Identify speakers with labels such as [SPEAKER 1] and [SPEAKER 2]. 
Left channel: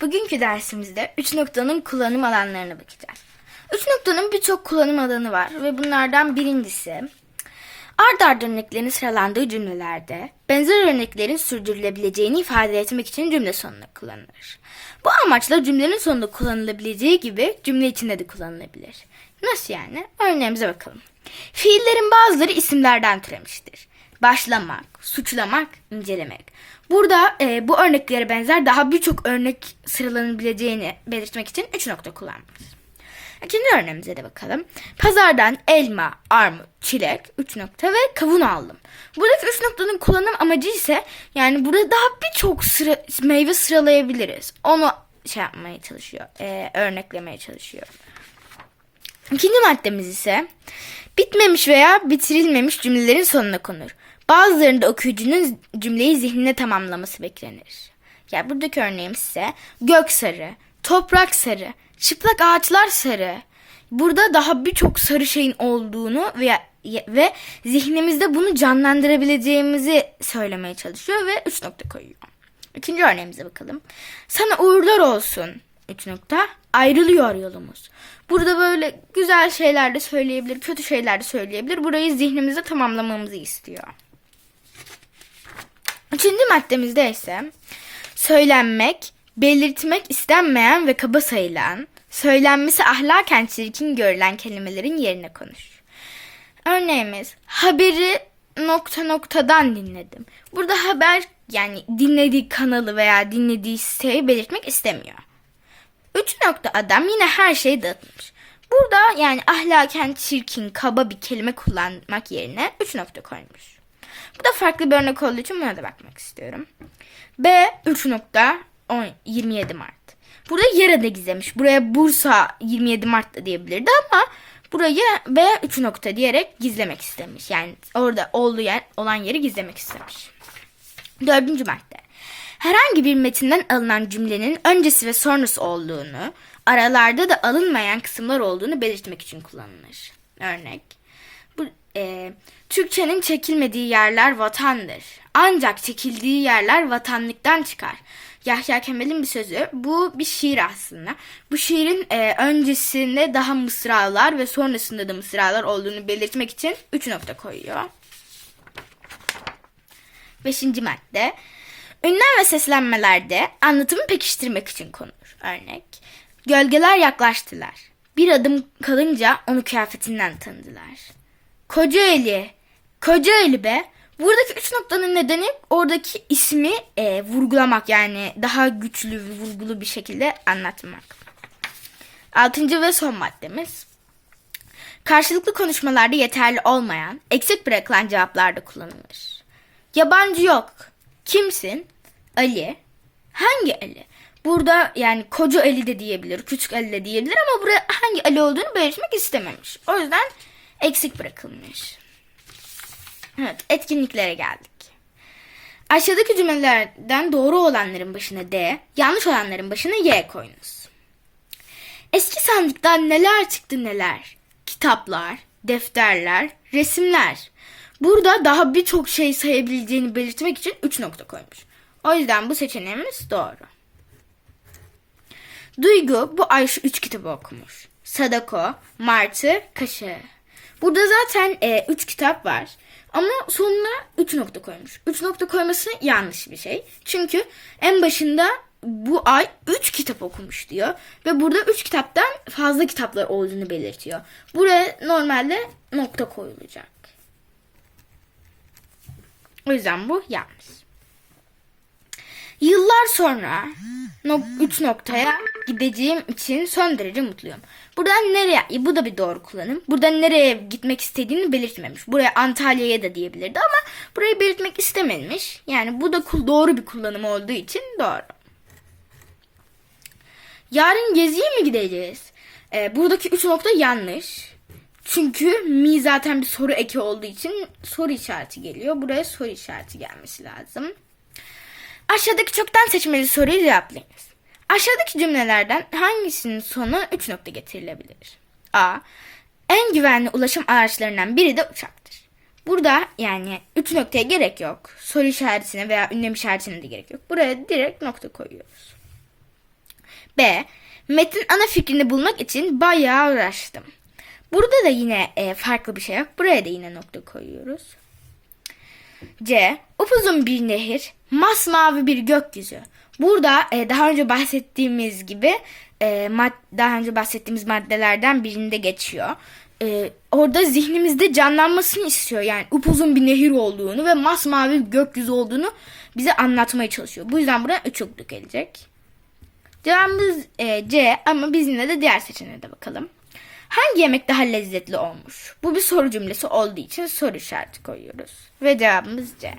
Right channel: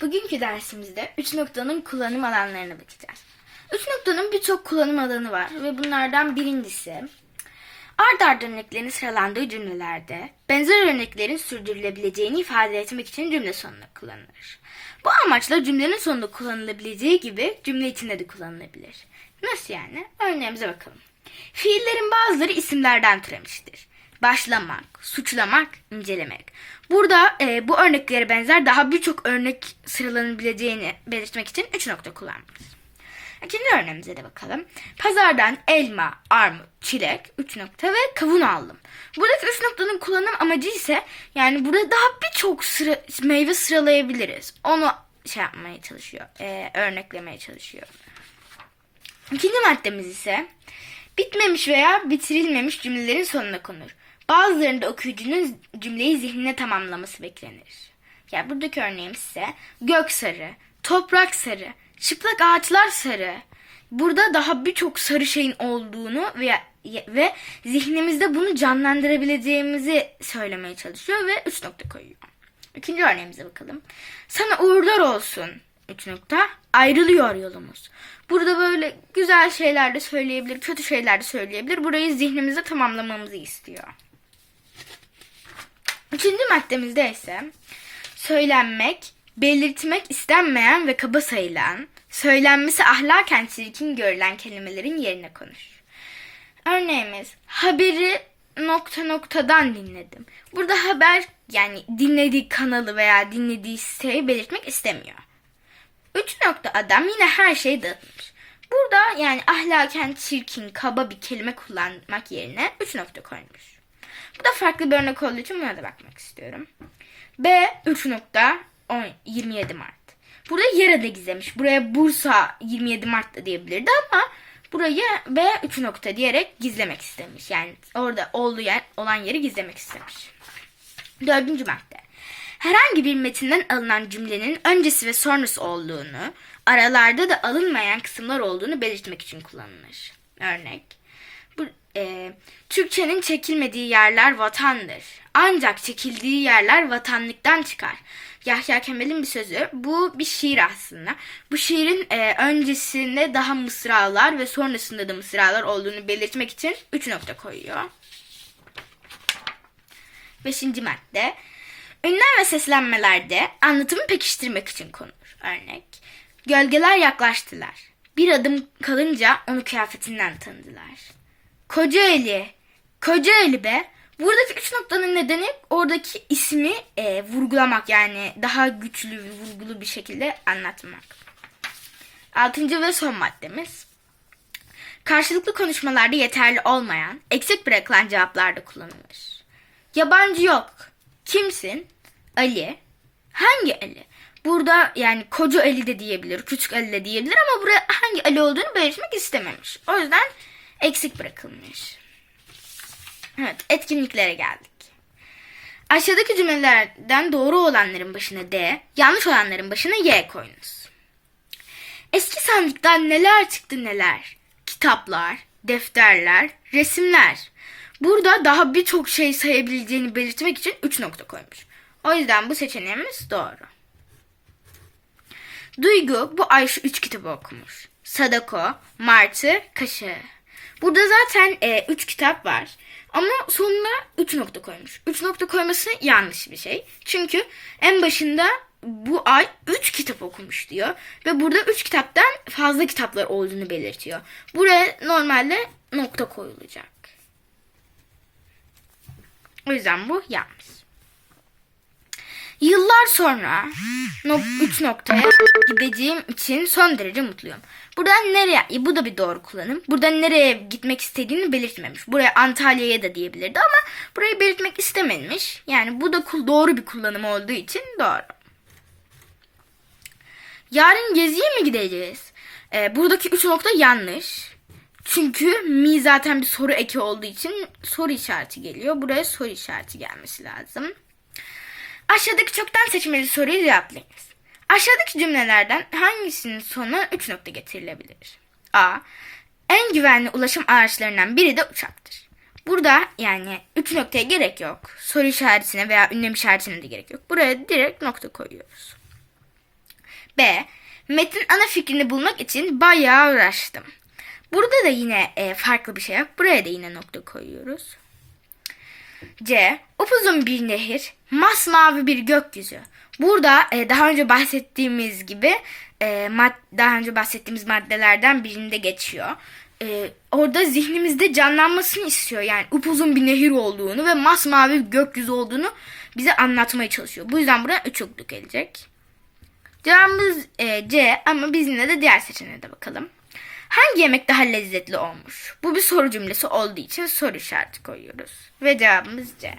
[SPEAKER 1] Bugünkü dersimizde 3 noktanın kullanım alanlarına bakacağız. 3 noktanın birçok kullanım alanı var ve bunlardan birincisi ard arda örneklerin sıralandığı cümlelerde benzer örneklerin sürdürülebileceğini ifade etmek için cümle sonunda kullanılır. Bu amaçla cümlenin sonunda kullanılabileceği gibi cümle içinde de kullanılabilir. Nasıl yani? Örneğimize bakalım. Fiillerin bazıları isimlerden türemiştir. Başlamak, suçlamak, incelemek. Burada e, bu örneklere benzer daha birçok örnek sıralanabileceğini belirtmek için 3 nokta kullanmalıyız. İkinci örneğimize de bakalım. Pazardan elma, armut, çilek, 3 nokta ve kavun aldım. Buradaki 3 noktanın kullanım amacı ise yani burada daha birçok sıra, meyve sıralayabiliriz. Onu şey yapmaya çalışıyor, e, örneklemeye çalışıyor. İkinci maddemiz ise bitmemiş veya bitirilmemiş cümlelerin sonuna konur. Bazılarında okuyucunun cümleyi zihnine tamamlaması beklenir. Ya buradaki örneğimiz ise gök sarı, toprak sarı, çıplak ağaçlar sarı. Burada daha birçok sarı şeyin olduğunu ve ve zihnimizde bunu canlandırabileceğimizi söylemeye çalışıyor ve 3 nokta koyuyor. İkinci örneğimize bakalım. Sana uğurlar olsun. 3 nokta. Ayrılıyor yolumuz. Burada böyle güzel şeyler de söyleyebilir, kötü şeyler de söyleyebilir. Burayı zihnimizde tamamlamamızı istiyor. Üçüncü maddemizde ise söylenmek, belirtmek istenmeyen ve kaba sayılan, söylenmesi ahlaken çirkin görülen kelimelerin yerine konuş. Örneğimiz haberi nokta noktadan dinledim. Burada haber yani dinlediği kanalı veya dinlediği siteyi belirtmek istemiyor. Üç nokta adam yine her şeyi dağıtmış. Burada yani ahlaken çirkin, kaba bir kelime kullanmak yerine üç nokta koymuş. Bu da farklı bir örnek olduğu için buna da bakmak istiyorum. B 3 nokta 10, 27 Mart. Burada yer adı gizlemiş. Buraya Bursa 27 Mart da diyebilirdi ama burayı B 3 nokta diyerek gizlemek istemiş. Yani orada olduğu yer, olan yeri gizlemek istemiş. Dördüncü madde. Herhangi bir metinden alınan cümlenin öncesi ve sonrası olduğunu, aralarda da alınmayan kısımlar olduğunu belirtmek için kullanılır. Örnek. Bu, e, Türkçenin çekilmediği yerler vatandır. Ancak çekildiği yerler vatanlıktan çıkar. Yahya Kemal'in bir sözü. Bu bir şiir aslında. Bu şiirin e, öncesinde daha mısralar ve sonrasında da mısralar olduğunu belirtmek için 3 nokta koyuyor. Beşinci madde. Ünlem ve seslenmelerde anlatımı pekiştirmek için konulur. Örnek. Gölgeler yaklaştılar. Bir adım kalınca onu kıyafetinden tanıdılar. Kocaeli. Kocaeli be. Buradaki üç noktanın nedeni oradaki ismi e, vurgulamak yani daha güçlü vurgulu bir şekilde anlatmak. Altıncı ve son maddemiz. Karşılıklı konuşmalarda yeterli olmayan, eksik bırakılan cevaplarda kullanılır. Yabancı yok. Kimsin? Ali. Hangi Ali? Burada yani koca Ali de diyebilir, küçük Ali de diyebilir ama buraya hangi Ali olduğunu belirtmek istememiş. O yüzden eksik bırakılmış. Evet, etkinliklere geldik. Aşağıdaki cümlelerden doğru olanların başına D, yanlış olanların başına Y koyunuz. Eski sandıktan neler çıktı neler? Kitaplar, defterler, resimler. Burada daha birçok şey sayabileceğini belirtmek için 3 nokta koymuş. O yüzden bu seçeneğimiz doğru. Duygu bu ay şu 3 kitabı okumuş. Sadako, Martı, Kaşı. Burada zaten 3 e, üç kitap var. Ama sonuna 3 nokta koymuş. 3 nokta koyması yanlış bir şey. Çünkü en başında bu ay 3 kitap okumuş diyor. Ve burada 3 kitaptan fazla kitaplar olduğunu belirtiyor. Buraya normalde nokta koyulacak. O yüzden bu yanlış. Yıllar sonra 3 noktaya gideceğim için son derece mutluyum. Buradan nereye? Bu da bir doğru kullanım. Buradan nereye gitmek istediğini belirtmemiş. Buraya Antalya'ya da diyebilirdi ama burayı belirtmek istememiş. Yani bu da doğru bir kullanım olduğu için doğru. Yarın geziye mi gideceğiz? Ee, buradaki üç nokta yanlış. Çünkü mi zaten bir soru eki olduğu için soru işareti geliyor. Buraya soru işareti gelmesi lazım. Aşağıdaki çoktan seçmeli soruyu cevaplayınız. Aşağıdaki cümlelerden hangisinin sonuna 3 nokta getirilebilir? A. En güvenli ulaşım araçlarından biri de uçaktır. Burada yani 3 noktaya gerek yok. Soru işaretine veya ünlem işaretine de gerek yok. Buraya direkt nokta koyuyoruz. B. Metin ana fikrini bulmak için bayağı uğraştım. Burada da yine e, farklı bir şey yok. Buraya da yine nokta koyuyoruz. C. Upuzun bir nehir, masmavi bir gökyüzü. Burada e, daha önce bahsettiğimiz gibi e, mad- daha önce bahsettiğimiz maddelerden birinde geçiyor. E, orada zihnimizde canlanmasını istiyor. Yani upuzun bir nehir olduğunu ve masmavi bir gökyüzü olduğunu bize anlatmaya çalışıyor. Bu yüzden buraya üç okluk gelecek. Cevabımız e, C ama biz yine de diğer seçeneğe de bakalım. Hangi yemek daha lezzetli olmuş? Bu bir soru cümlesi olduğu için soru işareti koyuyoruz. Ve cevabımız C.